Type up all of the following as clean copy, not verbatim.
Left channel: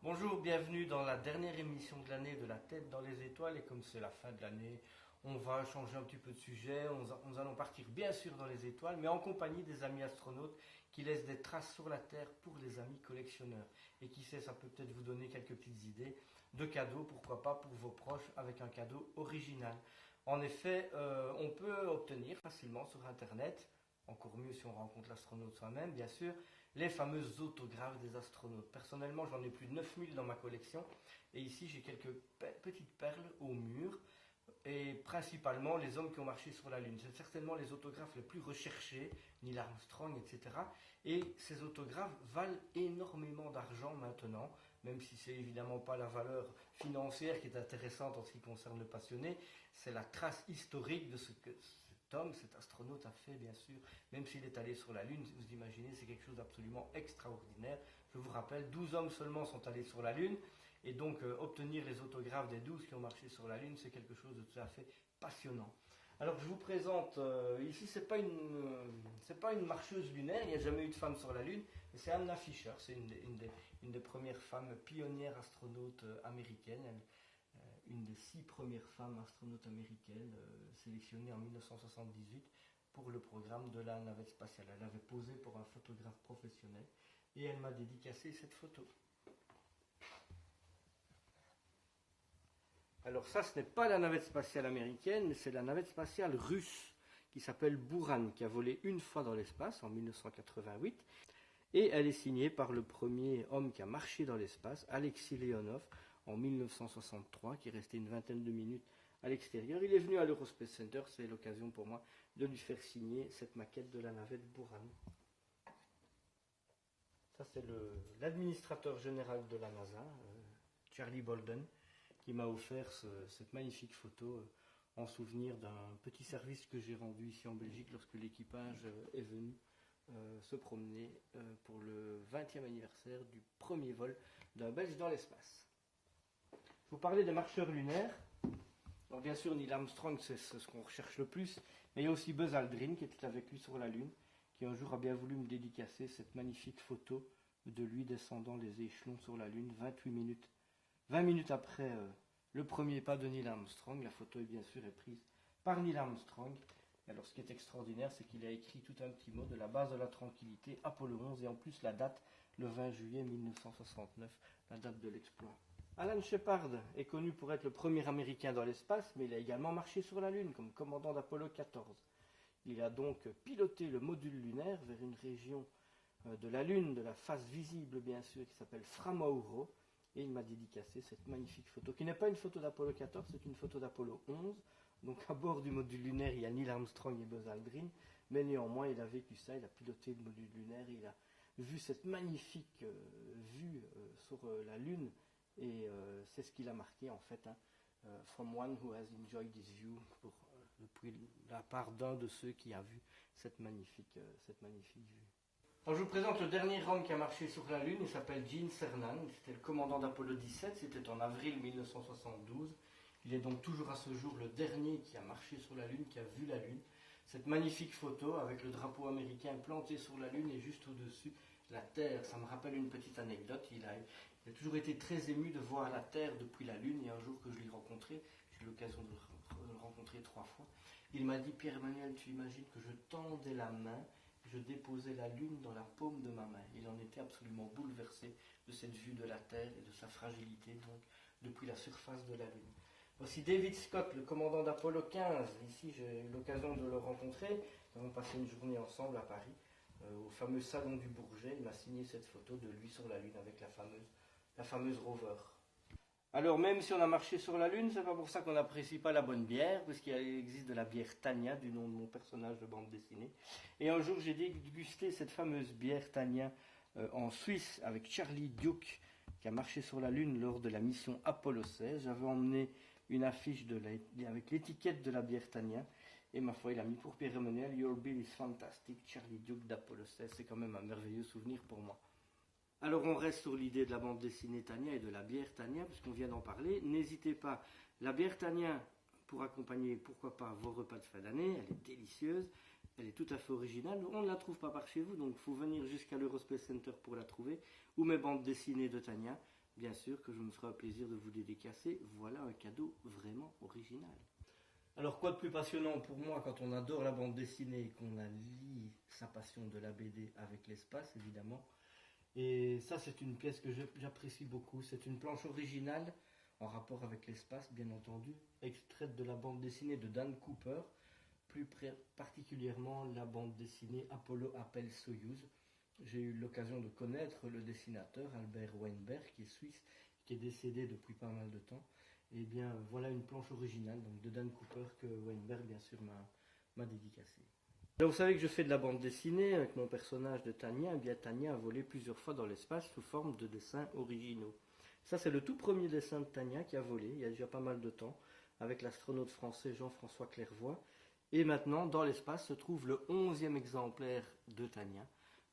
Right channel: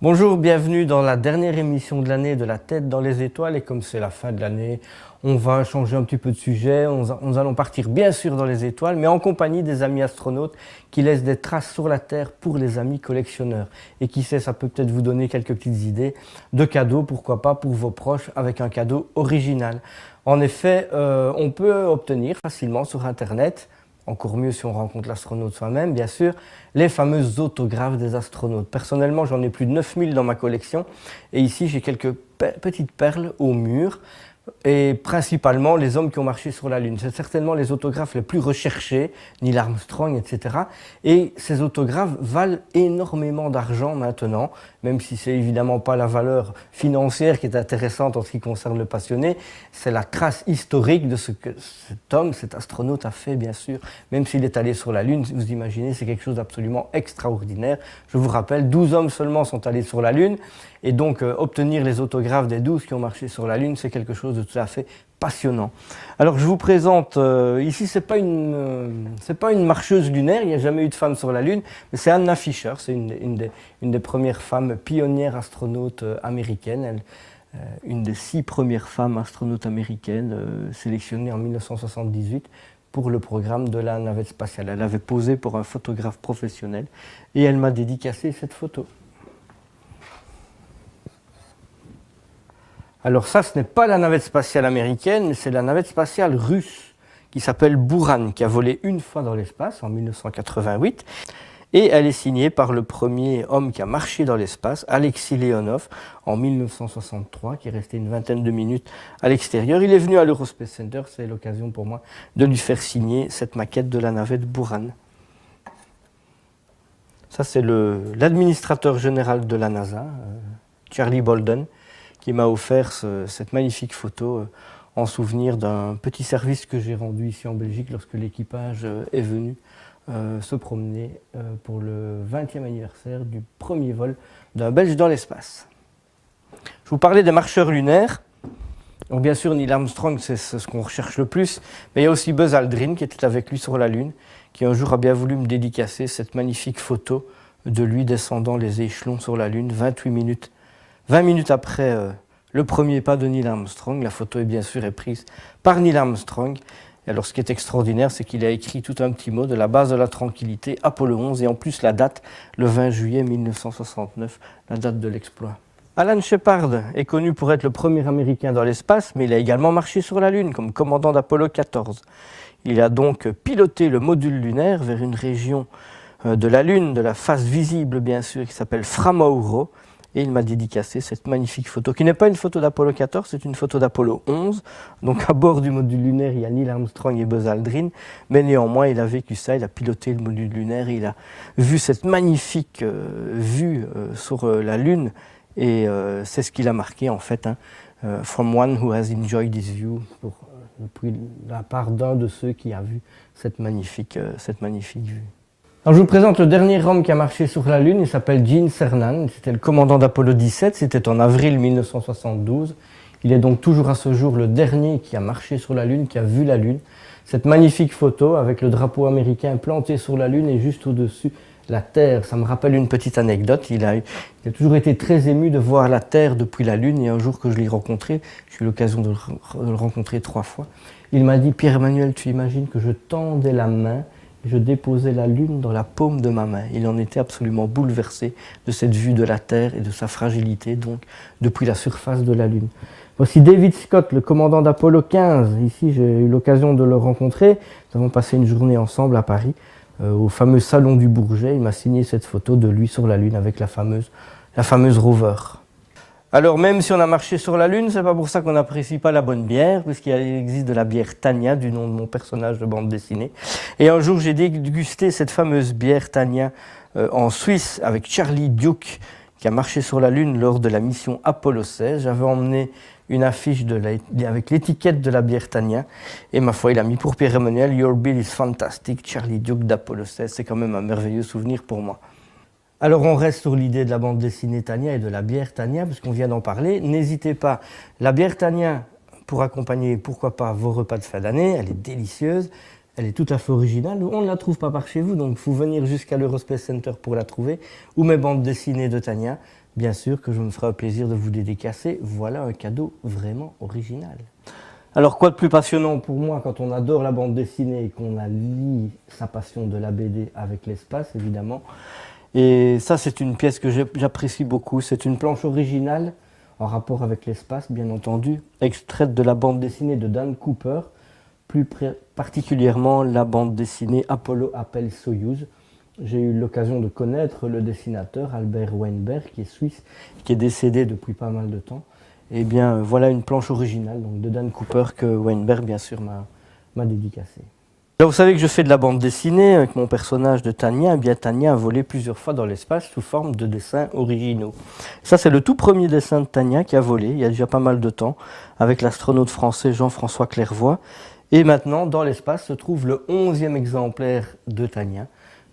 Bonjour, bienvenue dans la dernière émission de l'année de La Tête dans les étoiles. Et comme c'est la fin de l'année, on va changer un petit peu de sujet. Nous allons partir bien sûr dans les étoiles, mais en compagnie des amis astronautes qui laissent des traces sur la Terre pour les amis collectionneurs. Et qui sait, ça peut peut-être vous donner quelques petites idées de cadeaux, pourquoi pas pour vos proches, avec un cadeau original. En effet, on peut obtenir facilement sur Internet, encore mieux si on rencontre l'astronaute soi-même, bien sûr, les fameux autographes des astronautes. Personnellement, j'en ai plus de 9000 dans ma collection. Et ici, j'ai quelques petites perles au mur. Et principalement les hommes qui ont marché sur la Lune. C'est certainement les autographes les plus recherchés, Neil Armstrong, etc. Et ces autographes valent énormément d'argent maintenant, même si ce n'est évidemment pas la valeur financière qui est intéressante en ce qui concerne le passionné, c'est la trace historique de ce que cet homme, cet astronaute a fait, bien sûr. Même s'il est allé sur la Lune, vous imaginez, c'est quelque chose d'absolument extraordinaire. Je vous rappelle, 12 hommes seulement sont allés sur la Lune. Et donc, obtenir les autographes des 12 qui ont marché sur la Lune, c'est quelque chose de tout à fait passionnant. Alors, je vous présente, ici, ce n'est pas une marcheuse lunaire, il n'y a jamais eu de femme sur la Lune, mais c'est Anna Fisher, c'est une des premières femmes pionnières astronautes américaines, une des 6 premières femmes astronautes américaines sélectionnées en 1978 pour le programme de la navette spatiale. Elle avait posé pour un photographe professionnel et elle m'a dédicacé cette photo. Alors ça, ce n'est pas la navette spatiale américaine, mais c'est la navette spatiale russe qui s'appelle Buran, qui a volé une fois dans l'espace en 1988. Et elle est signée par le premier homme qui a marché dans l'espace, Alexei Leonov, en 1963, qui est resté une vingtaine de minutes à l'extérieur. Il est venu à l'Eurospace Center, c'est l'occasion pour moi de lui faire signer cette maquette de la navette Buran. Ça, c'est l'administrateur général de la NASA, Charlie Bolden, qui m'a offert cette magnifique photo en souvenir d'un petit service que j'ai rendu ici en Belgique lorsque l'équipage est venu se promener pour le 20e anniversaire du premier vol d'un Belge dans l'espace. Je vous parlais des marcheurs lunaires. Donc bien sûr, Neil Armstrong, c'est ce qu'on recherche le plus, mais il y a aussi Buzz Aldrin qui était avec lui sur la Lune, qui un jour a bien voulu me dédicacer cette magnifique photo de lui descendant les échelons sur la Lune, 20 minutes après le premier pas de Neil Armstrong. La photo est bien sûr prise par Neil Armstrong. Et alors ce qui est extraordinaire, c'est qu'il a écrit tout un petit mot de la base de la tranquillité, Apollo 11, et en plus la date, le 20 juillet 1969, la date de l'exploit. Alan Shepard est connu pour être le premier Américain dans l'espace, mais il a également marché sur la Lune comme commandant d'Apollo 14. Il a donc piloté le module lunaire vers une région de la Lune, de la face visible bien sûr, qui s'appelle Fra Mauro. Et il m'a dédicacé cette magnifique photo, qui n'est pas une photo d'Apollo 14, c'est une photo d'Apollo 11. Donc à bord du module lunaire, il y a Neil Armstrong et Buzz Aldrin, mais néanmoins, il a vécu ça, il a piloté le module lunaire, il a vu cette magnifique vue sur la Lune, et c'est ce qu'il a marqué en fait, From one who has enjoyed this view, depuis la part d'un de ceux qui a vu cette magnifique vue. Alors je vous présente le dernier homme qui a marché sur la Lune, il s'appelle Gene Cernan, c'était le commandant d'Apollo 17, c'était en avril 1972. Il est donc toujours à ce jour le dernier qui a marché sur la Lune, qui a vu la Lune. Cette magnifique photo avec le drapeau américain planté sur la Lune et juste au-dessus la Terre, ça me rappelle une petite anecdote. Il a toujours été très ému de voir la Terre depuis la Lune, et un jour que je l'ai rencontré, j'ai eu l'occasion de le rencontrer 3 fois, il m'a dit « Pierre-Emmanuel, tu imagines que je tendais la main, je déposais la Lune dans la paume de ma main. » Il en était absolument bouleversé de cette vue de la Terre et de sa fragilité, donc, depuis la surface de la Lune. Voici David Scott, le commandant d'Apollo 15. Ici, j'ai eu l'occasion de le rencontrer. Nous avons passé une journée ensemble à Paris, au fameux salon du Bourget. Il m'a signé cette photo de lui sur la Lune avec la fameuse rover. Alors même si on a marché sur la Lune, c'est pas pour ça qu'on n'apprécie pas la bonne bière, puisqu'il existe de la bière Tania, du nom de mon personnage de bande dessinée. Et un jour, j'ai dégusté cette fameuse bière Tania en Suisse avec Charlie Duke, qui a marché sur la Lune lors de la mission Apollo 16. J'avais emmené une affiche avec l'étiquette de la bière Tania, et ma foi, il a mis pour Pierre-Emmanuel « Your bill is fantastic, Charlie Duke d'Apollo 16 ». C'est quand même un merveilleux souvenir pour moi. Alors on reste sur l'idée de la bande dessinée Tania et de la bière Tania, puisqu'on vient d'en parler. N'hésitez pas, la bière Tania, pour accompagner, pourquoi pas, vos repas de fin d'année, elle est délicieuse, elle est tout à fait originale. On ne la trouve pas par chez vous, donc il faut venir jusqu'à l'Eurospace Center pour la trouver, ou mes bandes dessinées de Tania. bien sûr que je me ferai un plaisir de vous dédicacer. Voilà un cadeau vraiment original. Alors quoi de plus passionnant pour moi quand on adore la bande dessinée et qu'on allie sa passion de la BD avec l'espace, évidemment. Et ça, c'est une pièce que j'apprécie beaucoup. C'est une planche originale en rapport avec l'espace, bien entendu, extraite de la bande dessinée de Dan Cooper, plus particulièrement la bande dessinée Apollo appelle Soyouz. J'ai eu l'occasion de connaître le dessinateur Albert Weinberg, qui est suisse, qui est décédé depuis pas mal de temps. Et bien voilà une planche originale donc, de Dan Cooper que Weinberg, bien sûr, m'a dédicacée. Là, vous savez que je fais de la bande dessinée avec mon personnage de Tania. Eh bien, Tania a volé plusieurs fois dans l'espace sous forme de dessins originaux. Ça, c'est le tout premier dessin de Tania qui a volé, il y a déjà pas mal de temps, avec l'astronaute français Jean-François Clairvoy. Et maintenant, dans l'espace, se trouve le 11e exemplaire de Tania,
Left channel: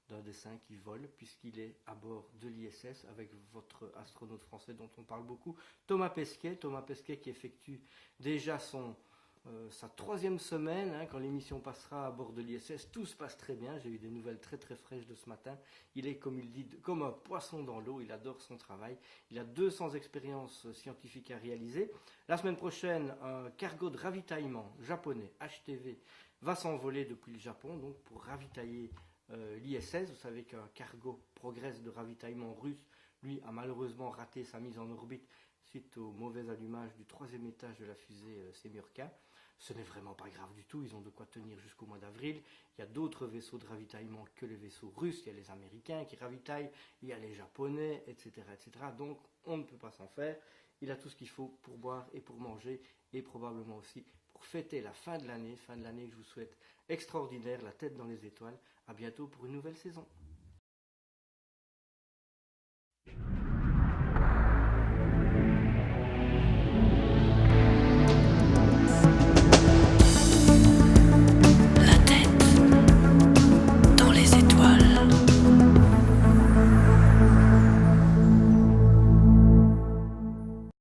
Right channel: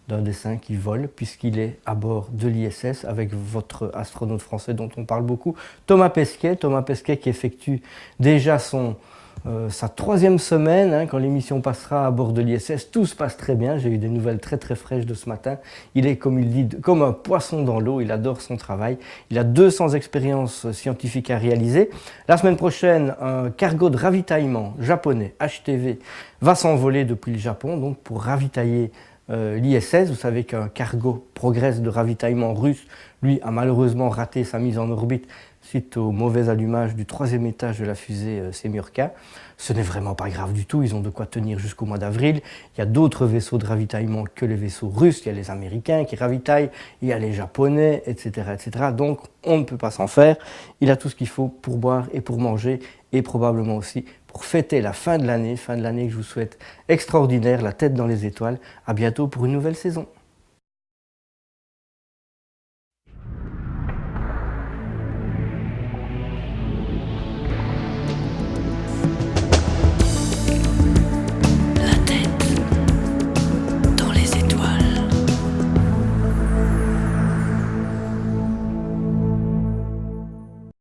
d'un dessin qui vole, puisqu'il est à bord de l'ISS avec votre astronaute français dont on parle beaucoup, Thomas Pesquet. Thomas Pesquet qui effectue déjà sa 3e semaine, hein, quand l'émission passera à bord de l'ISS. Tout se passe très bien, j'ai eu des nouvelles très très fraîches de ce matin. Il est, comme il dit, comme un poisson dans l'eau, il adore son travail. Il a 200 expériences scientifiques à réaliser. La semaine prochaine, un cargo de ravitaillement japonais, HTV, va s'envoler depuis le Japon, donc pour ravitailler l'ISS. Vous savez qu'un cargo Progress de ravitaillement russe, lui, a malheureusement raté sa mise en orbite suite au mauvais allumage du 3e étage de la fusée Semurka. Ce n'est vraiment pas grave du tout, ils ont de quoi tenir jusqu'au mois d'avril. Il y a d'autres vaisseaux de ravitaillement que les vaisseaux russes, il y a les Américains qui ravitaillent, il y a les Japonais, etc. etc. Donc on ne peut pas s'en faire. Il a tout ce qu'il faut pour boire et pour manger, et probablement aussi pour fêter la fin de l'année que je vous souhaite extraordinaire, la tête dans les étoiles. À bientôt pour une nouvelle saison.